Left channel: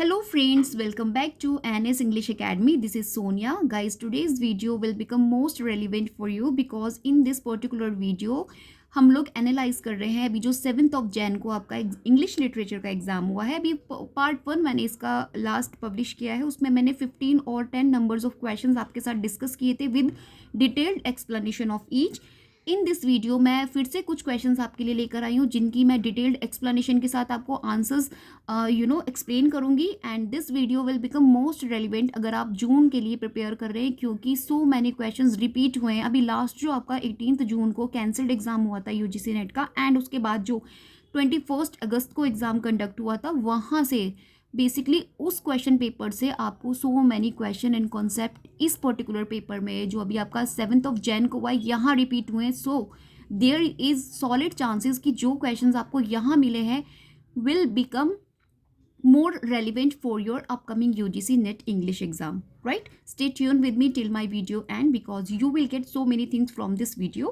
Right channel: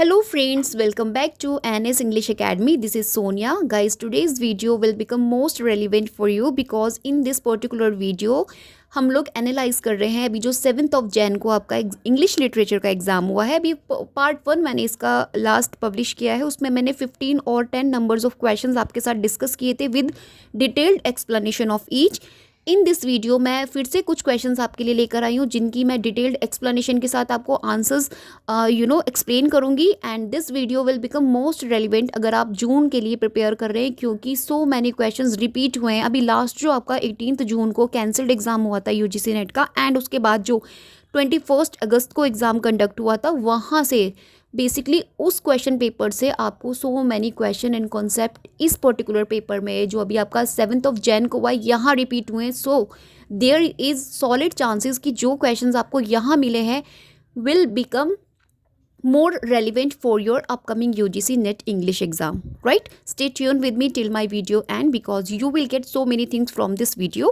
Hello friends, welcome back to NS English Academy. This is Sonia. Guys, today's video will become most relevant for you because in this particular video हम लोग analyse कर रहे हैं अभी जो 7th of Jain को आपका English literature का एग्ज़ाम हुआ है। अभी पार्ट 1 मैंने इसका लास्ट पब्लिश किया है, उसमें मैंने 15 और 10 नंबर्स ऑफ क्वेश्चंस आपके साथ डिस्कस किए थे with detailed explanation of each. In this video मैं फिर से कुछ क्वेश्चंस आपके लिए लेकर आई हूँ जिनकी मैं डिटेल्ड एक्सप्लेनेशन के साथ आपको आंसर्स एक्सप्लेन करूँगी and this video will become most relevant अगर आप जून के लिए प्रिपेयर कर रहे हैं, क्योंकि सो मैनी क्वेश्चंस रिपीट हुए हैं। अभी लास्ट जो आपका 18 जून को कैंसल्ड एग्जाम हुआ था यूजीसी नेट का, एंड उसके बाद जो 21 अगस्त को एग्ज़ाम कंडक्ट हुआ था, वहाँ से बेसिकली उस क्वेश्चन पेपर से आपको so many question and concept इस पर्टिकुलर पेपर में जो अभी आपका 7th ऑफ जैन को हुआ यहाँ रिपीट हुए हैं। So there is solid chances कि जो क्वेश्चंस आपको यहाँ मिले हैं will become more relevant for your upcoming UGC NET English exam, right? Stay tuned with me till my video and because you will get so many things from this video.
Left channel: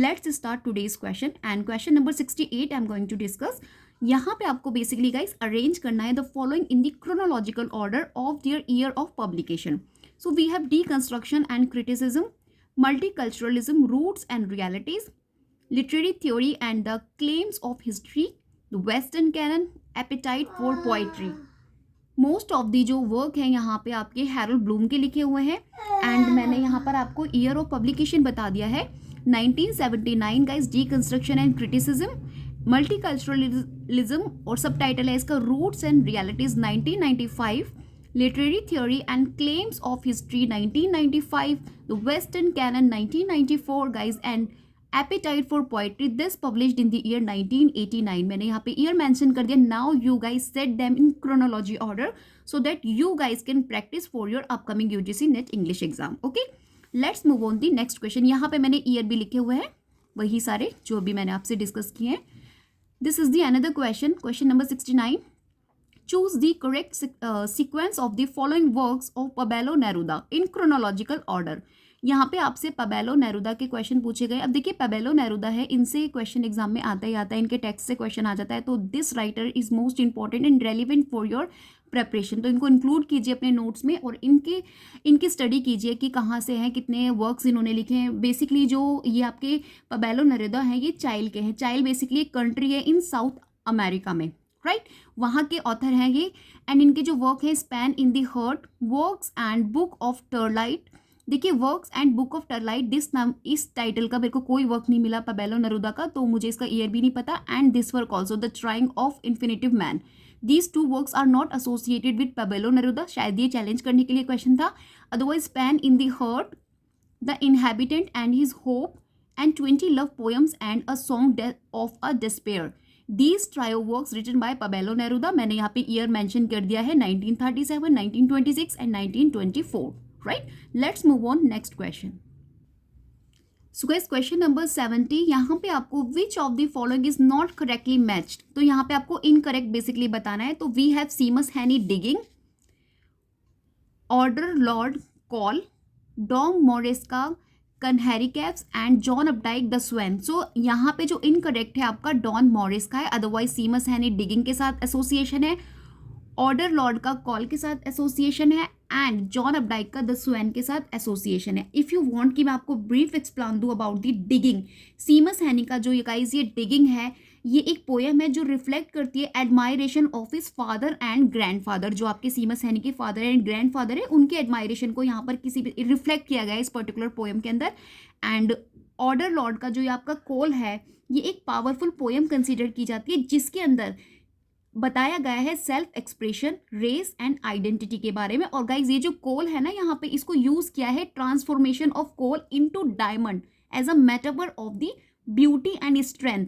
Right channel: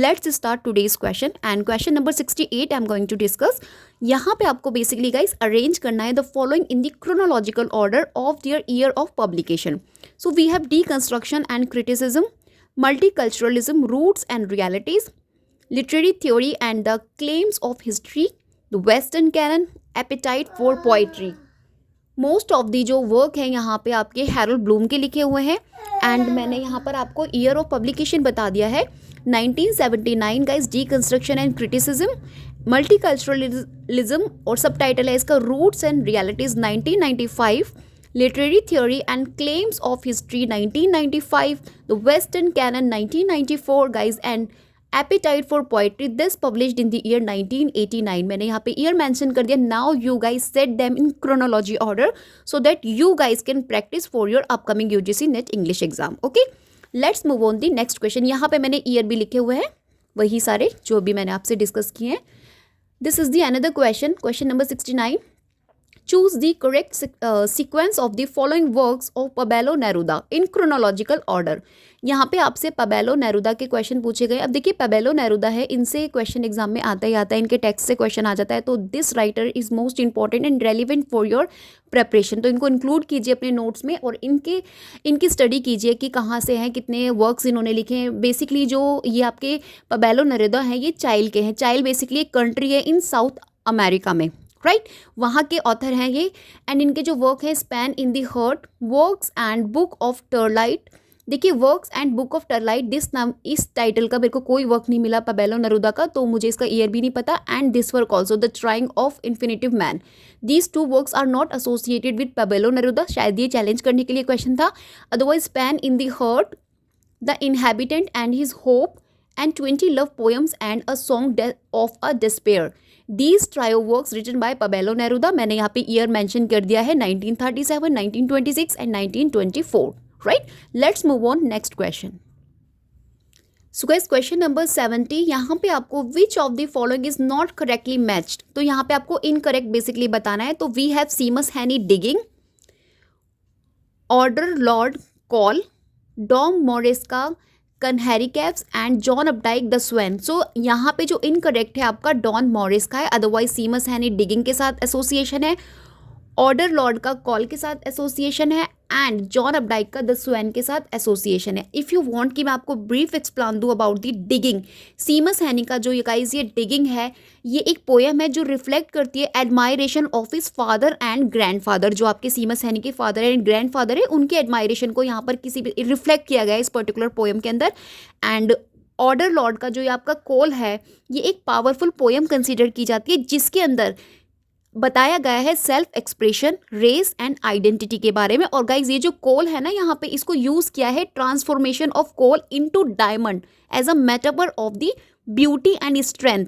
Let's start today's question and question number 68 I'm going to discuss. यहाँ पे आपको basically guys arrange करना है the following in the chronological order of their year of publication. So we have deconstruction and criticism, multiculturalism, roots and realities, literary theory and the claims of history, the western canon, apatite for poetry. Most of the जो work है यहाँ पे आपके Harold Bloom के लिखे हुए हैं and मैंने यहाँ पर आपको ईयर ऑफ पब्लिकेशन बता दिया है 1979 guys. Deconstruction and criticism, multiculturalism और सब टाइटल है इसका roots and realities 1995, literary theory and claims of history 1995, the western canon 1994 guys and appetite for poetry this published in the year 1989। मैंने यहाँ पे year mention कर दिया। Now you guys set them in chronology order so that you guys can practice for your upcoming UGC NET English exam. Okay, let's move on the next question. यहाँ पे मैंने year भी लिखे हुए हैं, वही सारे जो भी मैंने आपसे डिस्कस किए हैं। This is the another question, question number 69। Choose the correct sequence of the following works of Pablo Neruda in chronological order. यहाँ पे आपसे पबेलो नेरुदा के क्वेश्चन पूछे गए। अब देखिए पबेलो नेरुदा है, इनसे क्वेश्चन एग्जाम में आता ही आता है, इनके टेक्स्ट से क्वेश्चन आ जाता है, तो this writer is most important and relevant for your preparation. तो इनको इंक्लूड कीजिए अपने नोट्स में और इनकी स्टडी कीजिए कि कहाँ से हैं, कितने वर्क्स इन्होंने लिखे हैं। बेसिकली जो ये आपके पबेलो नेरुदा हैं ये चाइल के हैं। चाइल बेसिकली एक कंट्री है इन साउथ अमेरिका में, राइट? वहाँ के ऑथर हैं ये एंड इनके जो वर्क हैं Spain in the heart, works and book of twilight. देखिए works and book of twilight, this नाम इस टाइटल का मेरे को कोई वर्क नहीं मिला पबेलो नेरुदा का, तो मुझे इसका ईयर भी नहीं पता। And this work also the trying of infinitive man, these two works are not associated with Pablo Neruda. शायद ये चैलेंज करने के लिए क्वेश्चन था। Otherwise Spain in the heart, the inhabitant and his hope and 20 love poems and a song of a despair, these trio works written by Pablo Neruda. मैंने यहाँ पे year mention कर दिया है 1937, 1926 and 1924, right? Let's move on next question. So guys question number 70, यहाँ पे आपको विच of the following is not correctly matched, तो यहाँ पे आपको इनकरेक्ट बेसिकली बताना है। तो we have Seamus Heaney digging, Audre Lorde coal, Dom मोरेस्का Kanheri caves and John Updike the swan. So यहाँ पे जो इनकरेक्ट है आपका डॉन मॉरिस का है, अदरवाइज सीमस हैनी डिगिंग के साथ एसोसिएशन है, ऑर्डर लॉर्ड का कॉल के साथ एसोसिएशन है एंड जॉन अपडाइक का द स्वेन के साथ एसोसिएशन है। इफ़ यू वांट कि मैं आपको ब्रीफ एक्सप्लेन दूँ अबाउट द डिगिंग, सीमस हैनी का जो ये गाइस ये डिगिंग है, ये एक पोएम है जो रिफ्लेक्ट करती है admiration of his father and grandfather. जो आपके सीमस हैनी के फादर एंड ग्रैंडफादर है उनके एडमायरेशन को यहाँ पर किसी भी रिफ्लेक्ट किया गया है इस पर्टिकुलर पोएम के अंदर। एंड ऑर्डर लॉर्ड का जो ये आपका कॉल है ये एक पावरफुल पोएम कंसिडर की जाती है जिसके अंदर बताया गया है self expression, race and identity के बारे में। और गाइज ये जो कोल है ना यहाँ पे इसको यूज किया है transformation of coal into diamond as a metaphor of the beauty and strength,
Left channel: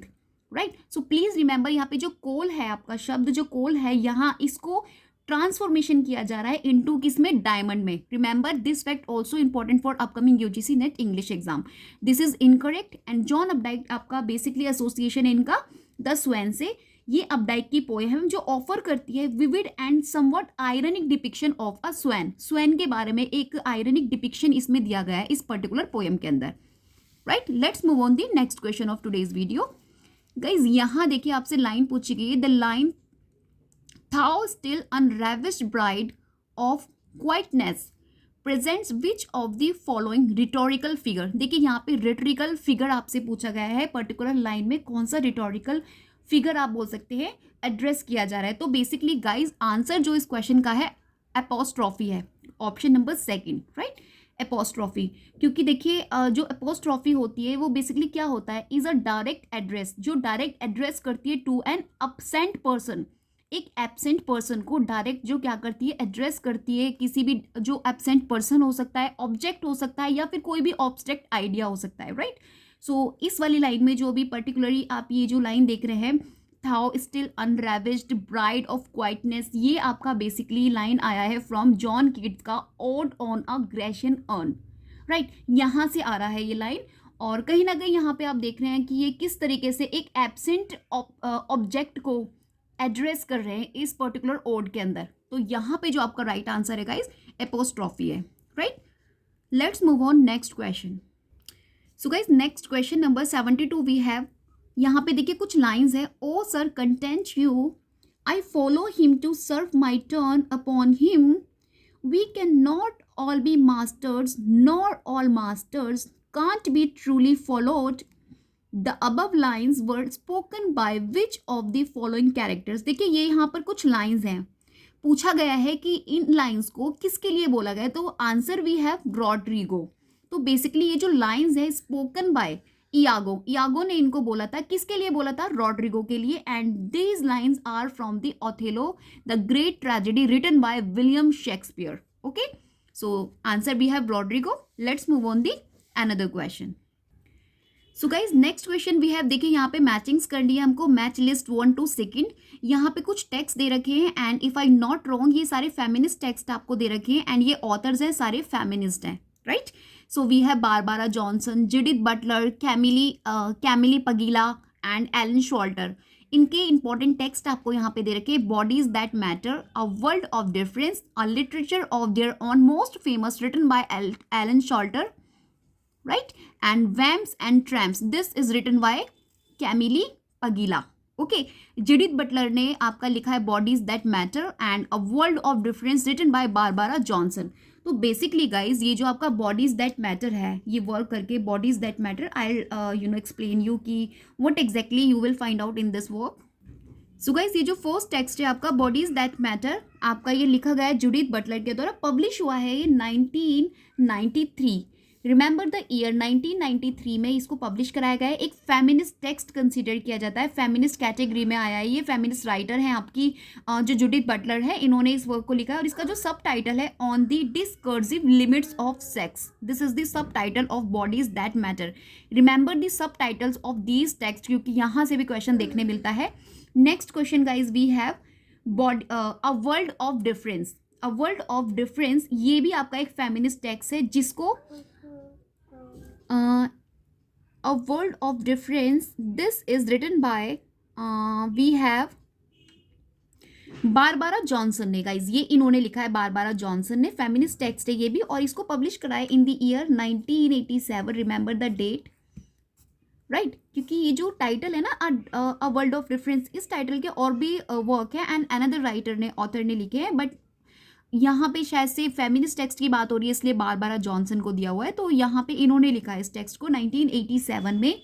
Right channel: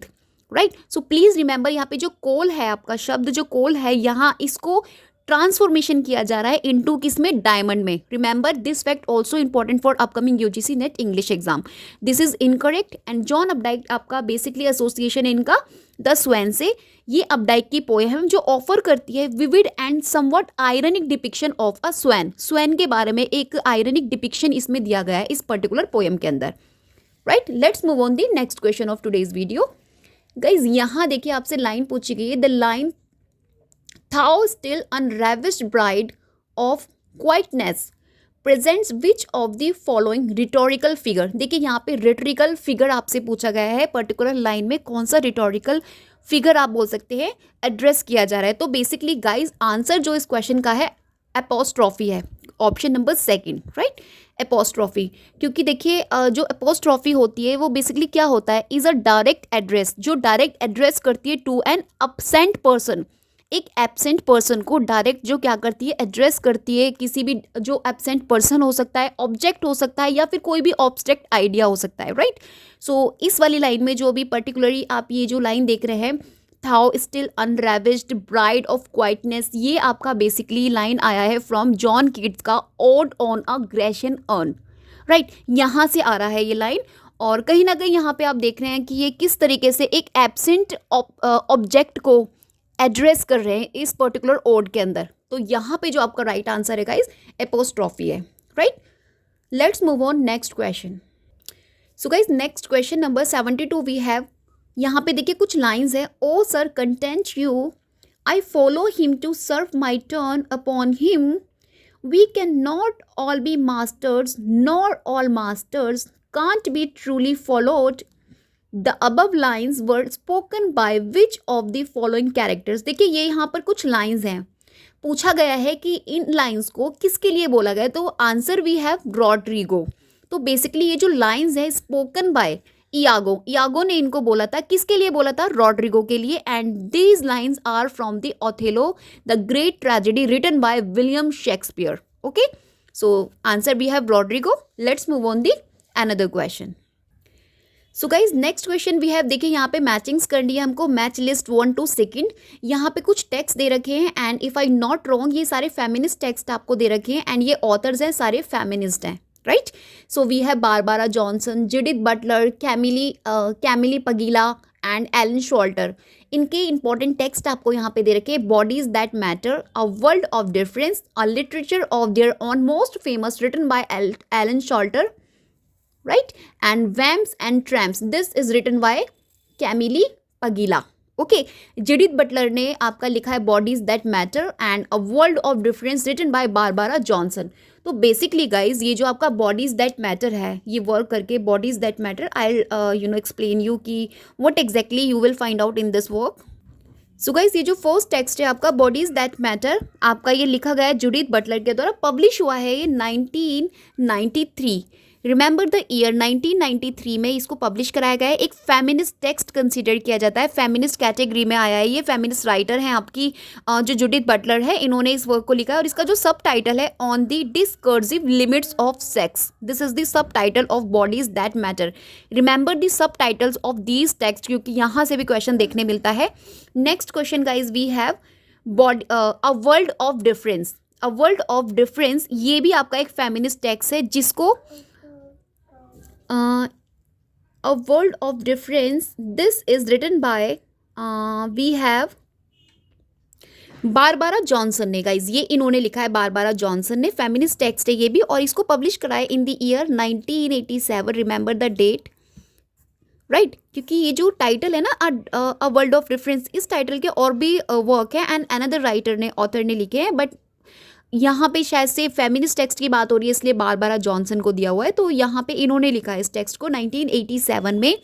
right? So please remember यहाँ पे जो कोल है आपका शब्द जो कोल है यहाँ इसको ट्रांसफॉर्मेशन किया जा रहा है इनटू किसमें, डायमंड में। Remember this fact also important for upcoming UGC NET English exam. This is incorrect and John Updike आपका बेसिकली एसोसिएशन इनका द स्वेन से। ये अपडाइक की पोएम जो ऑफर करती है vivid and somewhat ironic depiction of a swan. Swan के बारे में एक आयरनिक डिपिक्शन इसमें दिया गया है इस पर्टिकुलर पोएम के अंदर, right? Let's move on the next question of today's video. Guys यहाँ देखिए आपसे लाइन पूछी गई है, the line thou still unravished bride of quietness presents which of the following rhetorical figure. देखिए यहाँ पे रिटोरिकल फिगर आपसे पूछा गया है, पर्टिकुलर लाइन में कौन सा रिटोरिकल फिगर आप बोल सकते हैं एड्रेस किया जा रहा है. तो बेसिकली गाइज आंसर जो इस क्वेश्चन का है एपोस्ट्रॉफी है, option number second, right, apostrophe. क्योंकि देखिए जो एपोस्ट्रॉफी होती है वो बेसिकली क्या होता है, इज अ डायरेक्ट एड्रेस, जो डायरेक्ट एड्रेस करती है टू एन अब्सेंट पर्सन. एक एब्सेंट पर्सन को डायरेक्ट जो क्या करती है एड्रेस करती है, किसी भी जो एब्सेंट पर्सन हो सकता है, ऑब्जेक्ट हो सकता है, या फिर कोई भी ऑब्स्ट्रैक्ट आइडिया हो सकता है, राइट. सो इस वाली लाइन में जो भी पर्टिकुलरली आप ये जो लाइन देख रहे हैं, थाउ स्टिल अनरेविज्ड ब्राइड ऑफ क्वाइटनेस, ये आपका बेसिकली लाइन आया है फ्रॉम जॉन कीट्स का odd on a Grecian earn, right. यहाँ से आ रहा है ये लाइन. और कहीं ना कहीं यहाँ पे आप देख रहे हैं कि ये किस तरीके से एक एब्सेंट ऑब्जेक्ट को एड्रेस कर रहे हैं इस पर्टिकुलर ओड के अंदर. तो यहाँ पे जो आपका राइट आंसर है गाइस एपोस्ट्रॉफी है, right. Let's move on next question. So guys next question number 72 we have. यहाँ पे देखिए कुछ लाइंस है. O sir content you, I follow him to serve my turn upon him, we can not all be masters nor all masters can't be truly followed. The above lines were spoken by which of the following characters. देखिए ये यहाँ पर कुछ lines हैं, पूछा गया है कि इन लाइंस को किसके लिए बोला गया. तो आंसर वी हैव रॉड्रिगो. तो बेसिकली ये जो लाइंस है स्पोकन बाय इयागो ने इनको बोला था. किसके लिए बोला था, रॉड्रिगो के लिए. And these lines are from the Othello the great tragedy written by William Shakespeare. Okay, so answer we have Roderigo. Let's move on the another question. So guys next question we have. देखिए यहाँ पे matchings करनी है हमको, match list 1 to 2. यहाँ पे कुछ text दे रखे हैं and if I not wrong ये सारे फेमिनिस्ट टेक्स्ट आपको दे रखे हैं एंड ये ऑथर्स हैं सारे फेमिनिस्ट हैं, right. So we have Barbara Johnson, Judith Butler, Camille Paglia and Elaine Showalter. इनके इंपॉर्टेंट टेक्स्ट आपको यहाँ पे दे रखे हैं. Bodies that matter, a world of difference, a literature of their own most famous written by Elaine Showalter, right, and Vamps and Tramps, this is written by Camille Pagila. Okay, Judith Butler ने आपका लिखा है Bodies That Matter and A World of Difference written by Barbara Johnson. तो basically guys ये जो आपका Bodies That Matter है, ये वर्क करके Bodies That Matter I'll explain you कि what exactly you will find out in this work. So guys ये जो फर्स्ट टेक्स्ट है आपका बॉडीज दैट मैटर, आपका ये लिखा गया है जूडिथ बटलर के द्वारा. पब्लिश हुआ है ये 1993. रिमेंबर द ईयर 1993 में इसको पब्लिश कराया गया है. एक फेमिनिस्ट टेक्स्ट कंसीडर किया जाता है, फेमिनिस्ट कैटेगरी में आया है. ये फेमिनिस्ट राइटर हैं आपकी जो जूडिथ बटलर है, इन्होंने इस वर्क को लिखा है. और इसका जो सब टाइटल है on the discursive limits of sex, this is the subtitle of bodies that matter. Remember the subtitles of these text, क्योंकि यहाँ से भी क्वेश्चन देखने मिलता है. Next question guys we have a world of difference. A world of difference ये भी आपका एक फेमिनिस्ट टेक्स्ट है जिसको A World of Difference, this is written by we have Barbara Johnson ने. गाइज ये इन्होंने लिखा है, बारबारा जॉनसन ने. फेमिनिस्ट टेक्स्ट है ये भी, और इसको पब्लिश कराया in the year 1987. Remember the date, right. क्योंकि ये जो टाइटल है ना अ वर्ल्ड ऑफ डिफरेंस, इस टाइटल के और भी वर्क है एंड अनदर राइटर ने, ऑथर ने लिखे हैं, बट यहाँ पे शायद से फेमिनिस्ट टेक्स्ट की बात हो रही है इसलिए बारबारा जॉनसन को दिया हुआ है. तो यहाँ पे इन्होंने लिखा है इस टेक्स्ट को 1987 में.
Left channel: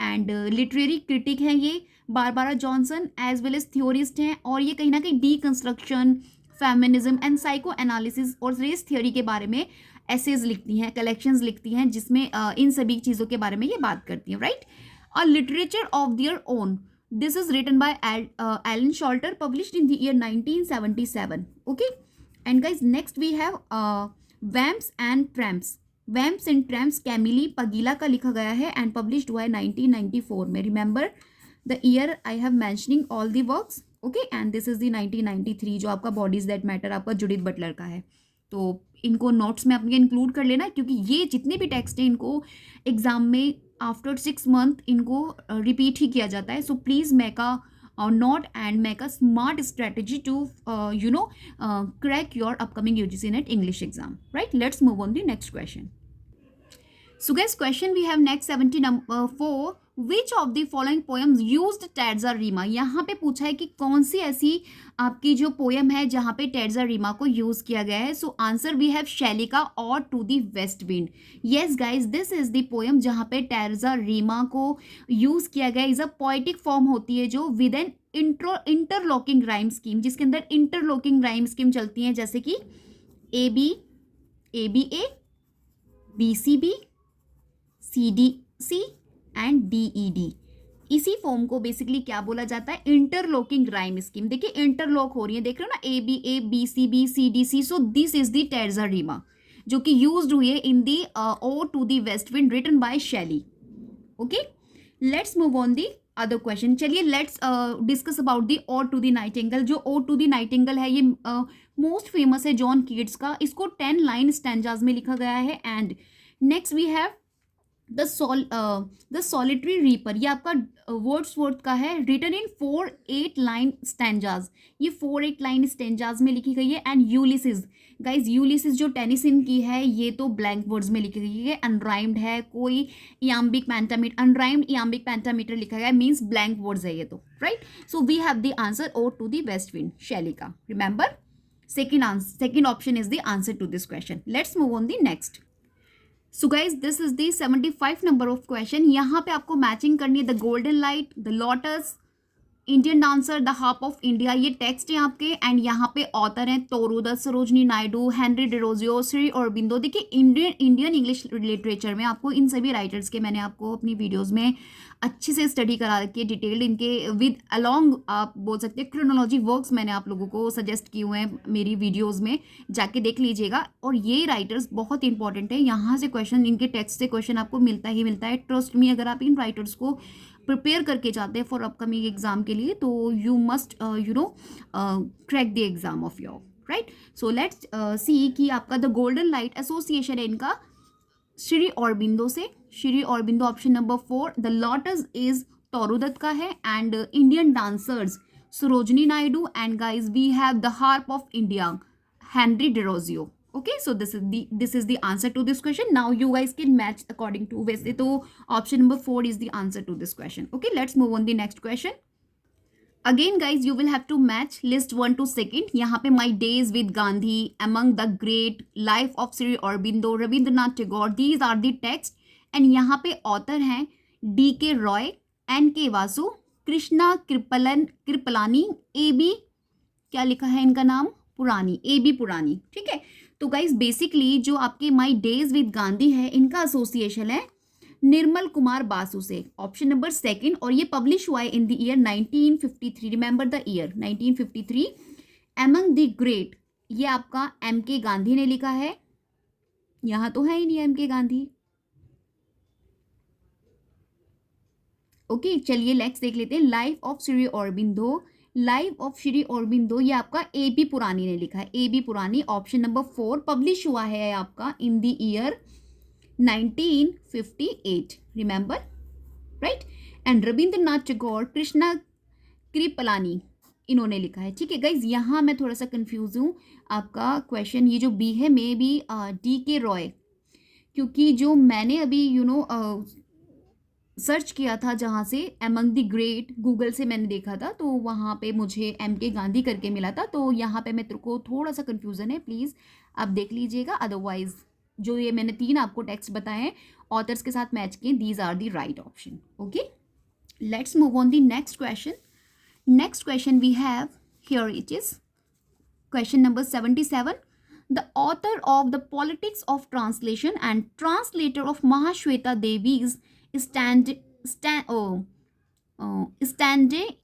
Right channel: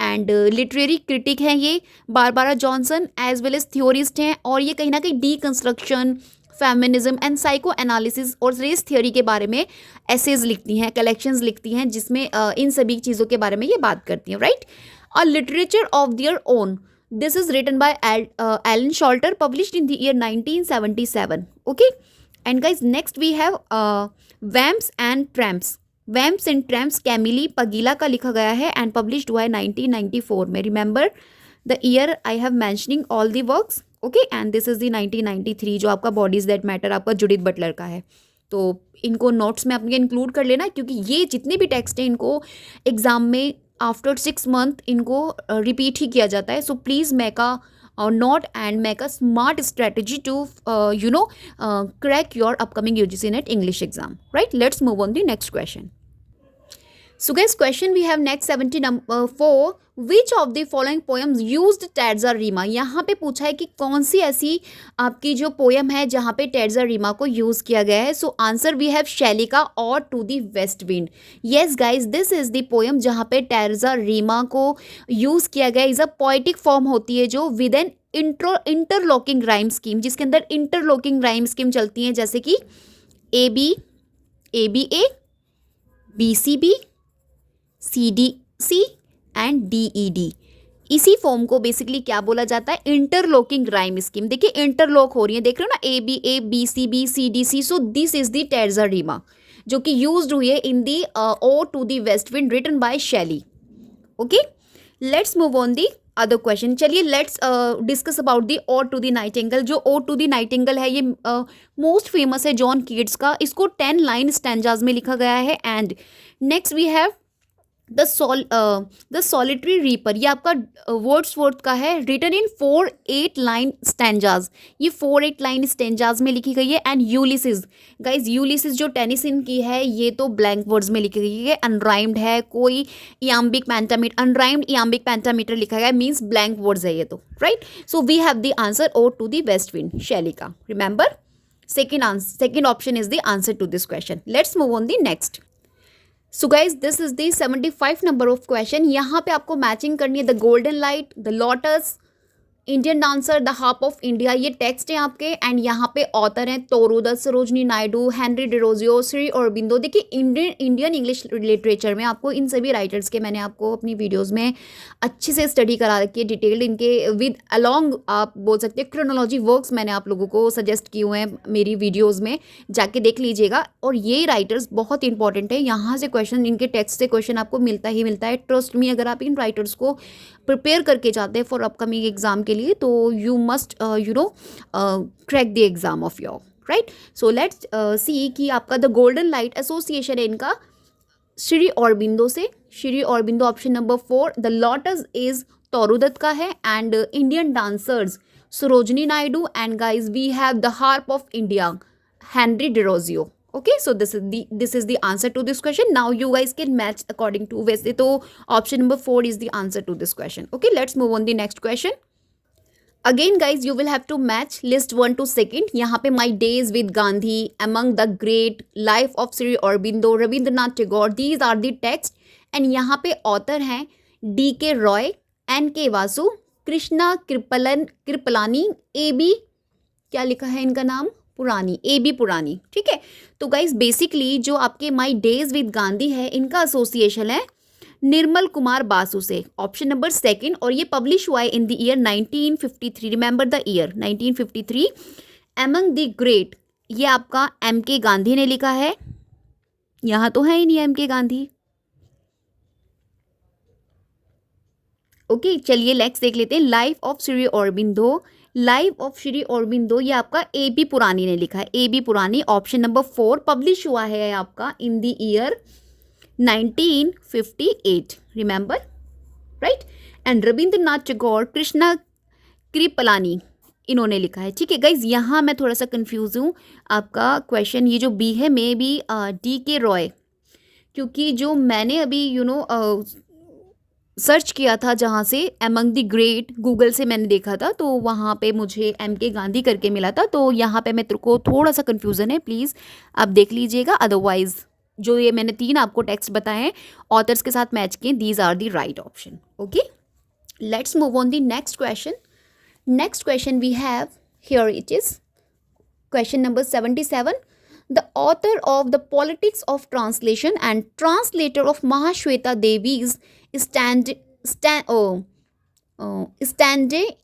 एंड लिटरेरी क्रिटिक हैं ये Barbara Johnson, as well as theorist हैं. और ये कहीं ना कहीं deconstruction, feminism and psychoanalysis और रेस थियोरी के बारे में एसेज लिखती हैं, कलेक्शंस लिखती हैं, जिसमें इन सभी चीज़ों के बारे में ये बात करती हैं, right. A literature of their own, this is written by Elaine Showalter, published in the year 1977. Okay. And guys next we have Vamps and Tramps. Vamps and Tramps Camille Paglia का लिखा गया है एंड पब्लिश्ड हुआ है 1994 में. Remember the year I have mentioning all the works. Okay, and this is the 1993 जो आपका bodies that matter आपका जूडिथ बटलर का है. तो इनको नोट्स में अपने इंक्लूड कर लेना, क्योंकि ये जितने भी टेक्स्ट हैं इनको एग्जाम में आफ्टर 6 month इनको रिपीट ही किया जाता है. So please make a note and make a smart strategy to crack your upcoming UGC NET English exam, right. Let's move on the next question. So guys, question we have next 74. Which of the following poems used terza rima, यहाँ पे पूछा है कि कौन सी ऐसी आपकी जो poem है जहाँ पे टैड्जा रीमा को यूज किया गया है. सो आंसर वी हैव शैली का और to the west wind. Yes guys, this is the poem जहाँ पे टैड्जा रीमा को यूज किया गया. इज अ पोएटिक फॉर्म होती है जो with an interlocking rhyme scheme, जिसके अंदर इंटरलॉकिंग राइम स्कीम चलती हैं, जैसे कि A B A B C B C D C and D E D. इसी फॉर्म को बेसिकली क्या बोला जाता है, इंटरलॉकिंग राइम स्कीम. देखिए इंटरलॉक हो रही है, देख रहे हो ना, A B C D C. So this is the terza rima जो कि यूज्ड हुई है in the O to the west wind written by Shelley. Okay, let's move on the other question. चलिए let's discuss about the ode to the nightingale. जो ode to the nightingale है ये most famous है John Keats का. इसको 10 line stanzas में लिखा गया है. And next we have the solitary reaper. ये आपका वर्ड्सवर्थ का है, रिटन इन 4-8 लाइन स्टैंजाज. ये 4-8 लाइन स्टैंजाज में लिखी गई है. एंड यूलिसिस गाइज, यूलिसिस जो टेनिसन की है ये तो ब्लैंक वर्ड्स में लिखी गई है, अनराइम्ड है, कोई iambic pentameter, unrhymed iambic pentameter लिखा गया है, मीन्स ब्लैंक वर्ड्स है ये तो, right. So we have the answer ode to the west wind, Shelley का. Remember, second option is the answer to this question. Let's move on the next. So guys, this is the 75 number of question. यहाँ पे आपको matching करनी है the golden light, the lotus, Indian dancer, the harp of India. ये text है आपके. And यहाँ पे ऑथर हैं तोरूदत्त, सरोजनी नायडू, हेनरी डिरोजियो, श्री अरबिंदो. देखिए इंडियन इंग्लिश लिटरेचर में आपको इन सभी राइटर्स के मैंने आपको अपनी वीडियोस में अच्छे से स्टडी करा रखी है, डिटेल्ड इनके विद अलॉन्ग आप बोल सकते हैं क्रोनोलॉजी वर्क्स मैंने आप लोगों को सजेस्ट किए हुए हैं मेरी वीडियोज़ में, जाके देख लीजिएगा. और ये राइटर्स बहुत इंपॉर्टेंट है. यहाँ से क्वेश्चन, इनके टेक्स्ट से क्वेश्चन आपको मिलता ही मिलता है. ट्रस्ट मी, अगर आप इन राइटर्स को प्रिपेयर करके जाते हैं फॉर अपकमिंग एग्जाम के लिए तो you must crack the exam of your, right. So let's see कि आपका द गोल्डन लाइट एसोसिएशन है इनका श्री अरबिंदो से. Shri Aurobindo option number 4. The lotus is Toru Dutt का है. And Indian dancers Sarojini Naidu. And guys we have the harp of India, Henry Derozio. Okay, so this is the answer to this question. Now you guys can match according to, वैसे तो option number 4 is the answer to this question. Okay, let's move on the next question. Again guys, you will have to match list 1 to 2nd. यहाँ पे My Days with Gandhi, Among the Great, Life of Sri Aurobindo, Rabindranath Tagore, these are the text. And यहाँ पे author हैं D.K. Roy, N.K. Vasu, Krishna Kripalani, A.B. क्या लिखा है इनका नाम, पुरानी, A.B. पुरानी. ठीक है, तो गाइज बेसिकली जो आपके माई डेज विद गांधी है इनका एसोसिएशन है निर्मल कुमार बासु से, ऑप्शन नंबर 2. और ये पब्लिश हुआ है इन the year 1953. Remember the year 1953. Among the great, ये आपका M.K. गांधी ने लिखा है. यहाँ तो है ही नहीं M.K. गांधी. ओके, चलिए नेक्स्ट देख लेते हैं. Life of Shri Aurobindo. Life of Shri Aurobindo ये आपका A.B. पुरानी ने लिखा है. A.B. पुरानी, ऑप्शन नंबर 4. पब्लिश हुआ है आपका इन the year 1958. Remember, right. And Rabindranath Tagore, Krishna Kripalani, इन्होंने लिखा है. ठीक है गाइज, यहाँ मैं थोड़ा सा कंफ्यूज हूँ. आपका क्वेश्चन ये जो बी है मे बी D.K. रॉय, क्योंकि जो मैंने अभी सर्च किया था जहाँ से एमंग द ग्रेट, गूगल से मैंने देखा था तो वहाँ पे मुझे M.K. गांधी करके मिला था. तो यहाँ पे मेरे को थोड़ा सा कन्फ्यूज़न है, प्लीज़ आप देख लीजिएगा. अदरवाइज जो ये मैंने 3 आपको टेक्स्ट बताए हैं ऑथर्स के साथ मैच किए, these are the right option. Okay, let's move on the next question. Next question we have here, it is question number 77. The author of The Politics of Translation and translator of Mahashweta Devi's stand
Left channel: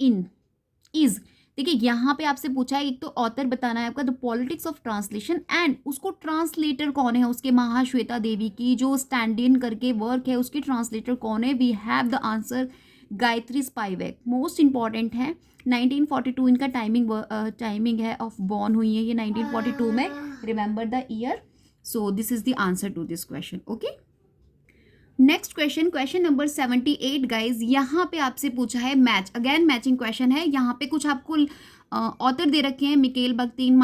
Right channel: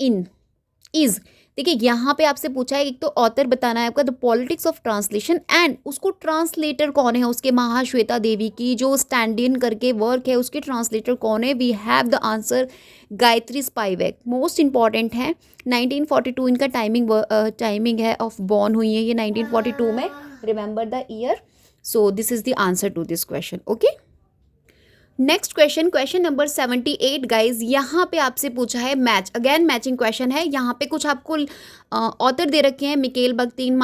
in is. देखिए यहाँ पे आपसे पूछा है, एक तो author बताना है आपका the politics of translation, and उसको ट्रांसलेटर कौन है उसके, महाश्वेता देवी की जो स्टैंड इन करके वर्क है उसके ट्रांसलेटर कौन है. We have the answer Gayatri Spivak. Most important है. 1942 इनका टाइमिंग है ऑफ बॉर्न हुई है ये 1942 में. Remember the year. So this is the answer to this question. Okay, next question, question number 78 guys. यहाँ पे आपसे पूछा है मैच, अगेन मैचिंग क्वेश्चन है. यहाँ पे कुछ आपको ऑथर दे रखे हैं, Mikhail Bakhtin,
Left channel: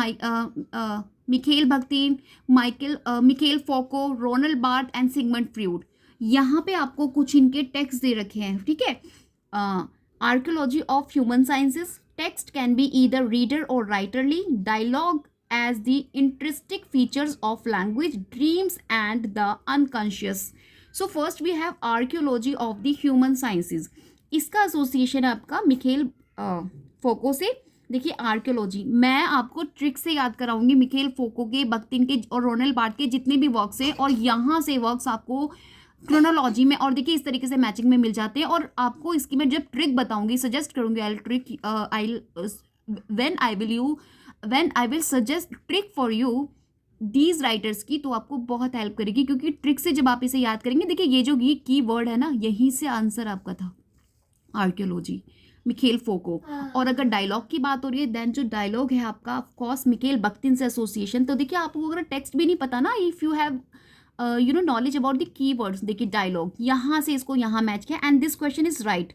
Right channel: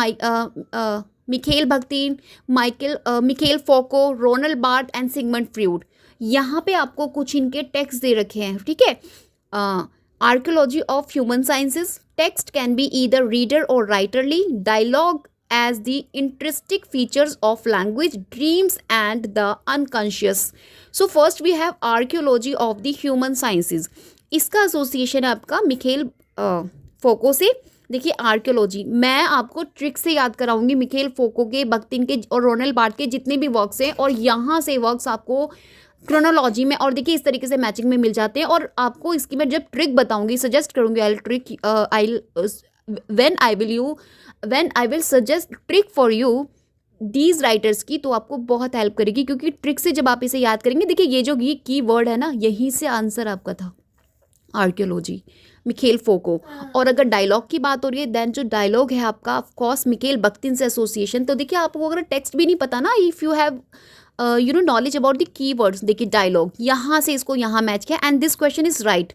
Michel Foucault, Ronald Barthes and Sigmund Freud. यहाँ पे आपको कुछ इनके टेक्स्ट दे रखे हैं, ठीक है। Archaeology of human sciences, text can be either reader और writerly, dialogue as the intrinsic features of language, dreams and the unconscious. So first we have archaeology of the human sciences. इसका association है आपका Michelle फोको से। देखिए archaeology, मैं आपको trick से याद कराऊंगी मिखेल फोको के, बख्तिन के और रोनाल्ड बार्थ के जितने भी वर्क्स हैं, और यहाँ से वर्क्स आपको क्रोनोलॉजी में और देखिए इस तरीके से मैचिंग में मिल जाते हैं। और आपको इसकी मैं जब ट्रिक बताऊंगी, सजेस्ट करूंगी, when I will suggest trick for you these writers की, तो आपको बहुत हेल्प करेगी, क्योंकि ट्रिक से जब आप इसे याद करेंगे, देखिए ये जो की वर्ड है ना, यहीं से आंसर आपका था आर्कियोलॉजी, मिखेल फोको। और अगर डायलॉग की बात हो रही है, देन जो डायलॉग है आपका ऑफ कोर्स मिखेल बख्तिन से एसोसिएशन। तो देखिए आपको अगर टेक्स्ट भी नहीं पता ना, if you have knowledge about the keywords, देखिए डायलॉग यहाँ से इसको यहाँ मैच किया, and this question is right.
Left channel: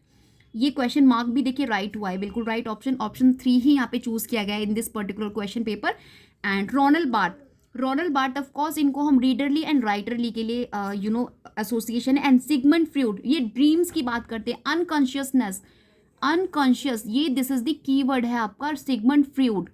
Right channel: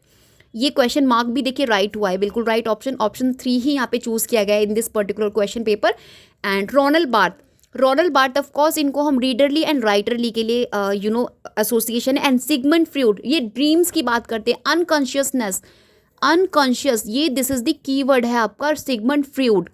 ये क्वेश्चन मार्क भी देखिए राइट हुआ है, बिल्कुल राइट ऑप्शन, ऑप्शन 3 ही यहाँ पे चूज किया गया है in this particular question paper. And Ronald Barthes of course, इनको हम रीडरली एंड राइटरली के लिए एसोसिएशन। एंड सिगमंड फ्रूड, ये ड्रीम्स की बात करते हैं, अनकॉन्शियस, ये दिस इज द कीवर्ड है आपका सिगमंड फ्रूड।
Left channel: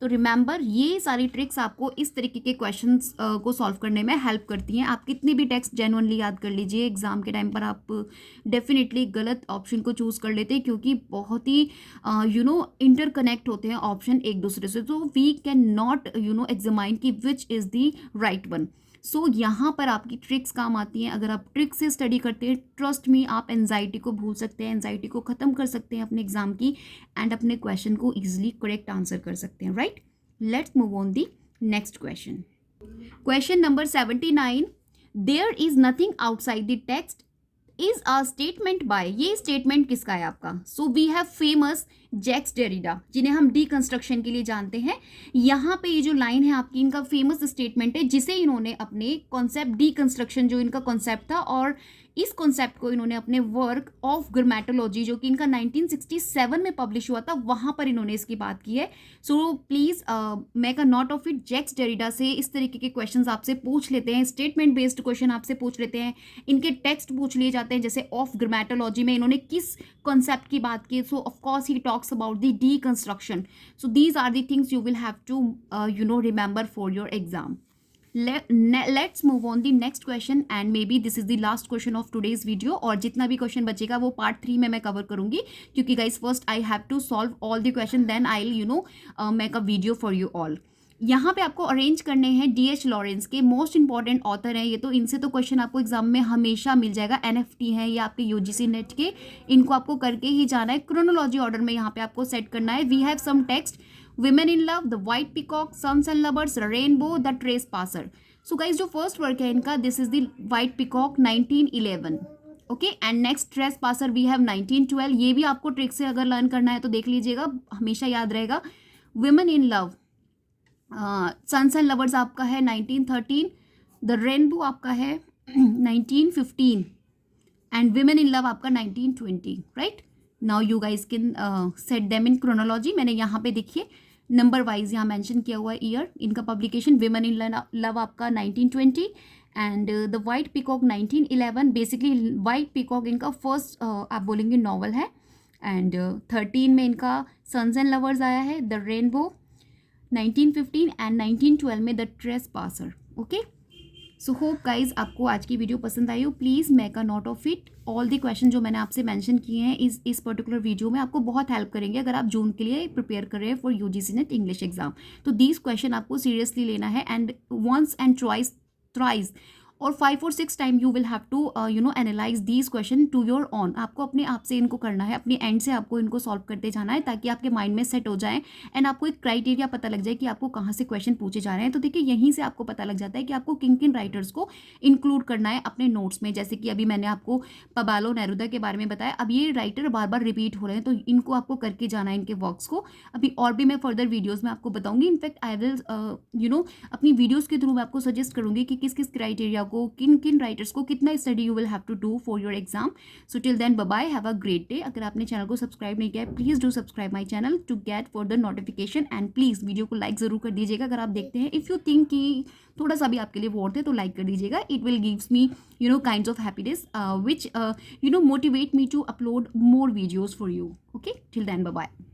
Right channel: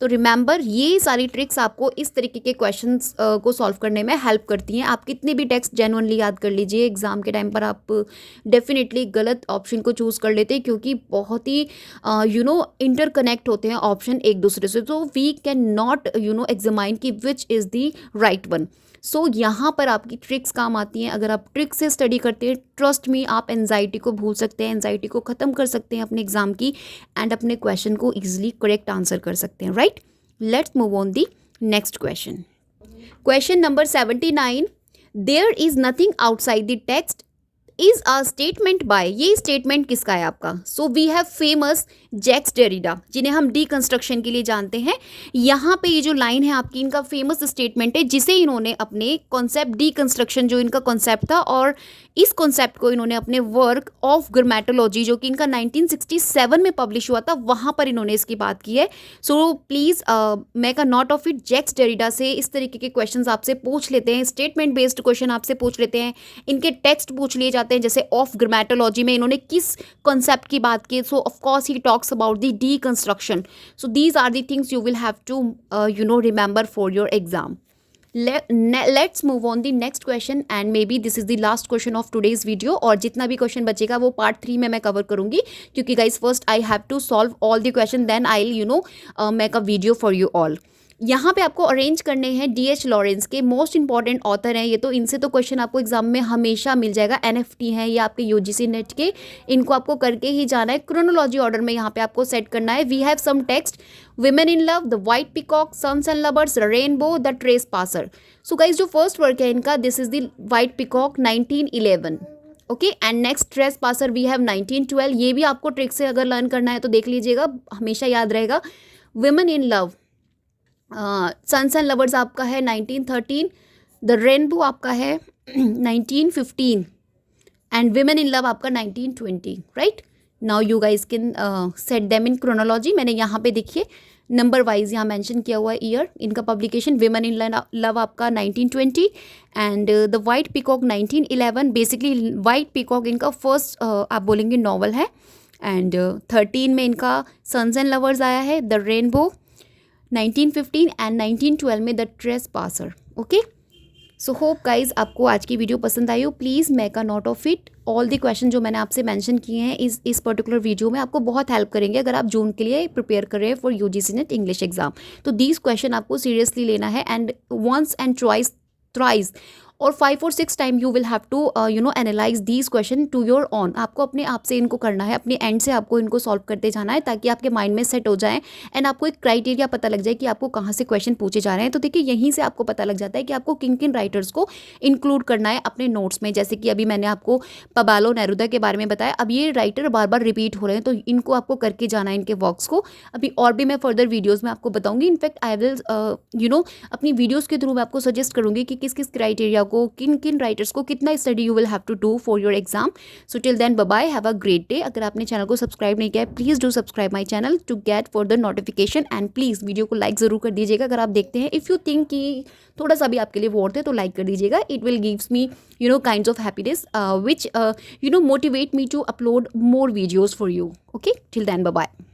तो रिमेंबर, ये सारी ट्रिक्स आपको इस तरीके के क्वेश्चंस को सॉल्व करने में हेल्प करती हैं। आप कितने भी टेक्स्ट जेन्युइनली याद कर लीजिए, एग्जाम के टाइम पर आप डेफिनेटली गलत ऑप्शन को चूज़ कर लेते हैं, क्योंकि बहुत ही इंटरकनेक्ट होते हैं ऑप्शन एक दूसरे से, तो वी कैन नॉट एग्जामाइन कि which is the right one. So यहाँ पर आपकी ट्रिक्स काम आती हैं। अगर आप ट्रिक से स्टडी करते हैं, ट्रस्ट मी, आप एनजाइटी को भूल सकते हैं, एनजाइटी को ख़त्म कर सकते हैं अपने एग्जाम की, एंड अपने क्वेश्चन को इजीली करेक्ट आंसर कर सकते हैं, right. Let's move on the next question. Question number 79, there is nothing outside the text is a statement by, ये स्टेटमेंट किसका है आपका। So we have famous Jacques Derrida, जिन्हें हम डीकंस्ट्रक्शन के लिए जानते हैं। यहाँ पे ये जो लाइन है आपकी, इनका फेमस स्टेटमेंट है, जिसे इन्होंने अपने कॉन्सेप्ट डीकंस्ट्रक्शन, जो इनका कॉन्सेप्ट था, और इस कॉन्सेप्ट को इन्होंने अपने वर्क ऑफ ग्रामेटोलॉजी, जो कि इनका 1967 में पब्लिश हुआ था, वहाँ पर इन्होंने इसकी बात की है। So please make a note of it. Jacques Derrida से इस तरीके के क्वेश्चन आपसे पूछ लेते हैं, स्टेटमेंट बेस्ड क्वेश्चन आपसे पूछ लेते हैं, इनके टेक्स्ट पूछ लिए जाते हैं, जैसे ऑफ ग्रामेटोलॉजी में इन्होंने किस कॉन्सेप्ट की बात की। So of course he talks about the deconstruction. So these are the things you will have to remember for your exam. Let's move on the next question, and maybe this is the last question of today's video, और जितना भी question बचेगा वो part 3 में मैं cover करूंगी, क्योंकि guys first I have to solve all the question, then I make a video for you all. यहाँ पे आपको अरेंज करने हैं D.H. लॉरेंस के, मोस्ट इंपॉर्टेंट ऑथर हैं ये, तो इनसे तो क्वेश्चन आपको एग्जाम में हमेशा मिल जाएगा। NFT हैं ये आपके UGC नेट के, इनको आपको करके ही जाना है। क्रोनोलॉजी ऑर्डर में यहाँ पे आपको सेट करना है। We have some text, women in love, the white peacock, sons and lovers, rainbow, the trespasser. So guys जो फर्स्ट वर्क है इनका, this is the white peacock 1911, okay. And next trespasser we have 1912। ये भी आपको trick से अगर learn करना है तो देख लीजिएगा, हमेशा याद रहेगा। Women in love, sons and lovers आपका है 1913, द रेनबो आपका है 1915, एंड विमेन इन लव आपका 1920, right. Now you guys can set them in chronology. मैंने यहाँ पे देखिए नंबर वाइज यहाँ मेंशन किया हुआ है ईयर इनका पब्लिकेशन। विमेन इन लव आपका 1920 and the white peacock 1911। Basically white peacock इनका फर्स्ट आप बोलेंगे नॉवल है, एंड 13 में इनका सन्स एंड लवर्स आया है, द रेनबो 1915, एंड 1912 में the trace passer, okay. So hope guys आपको आज की वीडियो पसंद आई हो। Please make a note of it. All the question जो मैंने आपसे मेंशन किए हैं इस पर्टिकुलर वीडियो में आपको बहुत हेल्प करेंगे, अगर आप जून के लिए प्रिपेयर कर रहे हैं for UGC NET English exam. तो दीज क्वेश्चन आपको सीरियसली लेना है, and once and twice, thrice और 5 और 6 time you will have to analyse these question to your own. आपको अपने आप से इनको करना है, अपने एंड से आपको इनको सॉल्व करते जाना है, ताकि आपके माइंड में सेट हो जाए, एंड आपको एक क्राइटेरिया पता लग जाए कि आपको कहाँ से क्वेश्चन पूछे जा रहे हैं। तो देखिए यहीं से आपको पता लग जाता है कि आपको किन किन राइटर्स को इंक्लूड करना है अपने नोट्स में। जैसे कि अभी मैंने आपको पबालो नेरुदा के बारे में बताया, अब ये राइटर बार बार रिपीट हो रहे हैं, तो इनको आपको करके जाना है, इनके वर्क्स को। अभी और भी मैं फर्दर वीडियोज़ में आपको बताऊंगी। इनफैक्ट आई विल अपनी वीडियोज़ के थ्रू मैं आपको सजेस्ट करूँगी कि किस किस क्राइटेरिया को, किन किन राइटर्स को कितना study you will have to do for your exam. So till then bye bye, have a great day. अगर आपने चैनल को सब्सक्राइब नहीं किया है, please do subscribe my channel to get further notification. And please video को like ज़रूर कर दीजिएगा अगर आप देखते हैं. इफ़ यू थिंक कि थोड़ा सा भी आपके लिए वर्थ है तो लाइक कर दीजिएगा. It will gives me kinds of happiness which motivate me to upload more videos for you. Okay, till then, bye bye.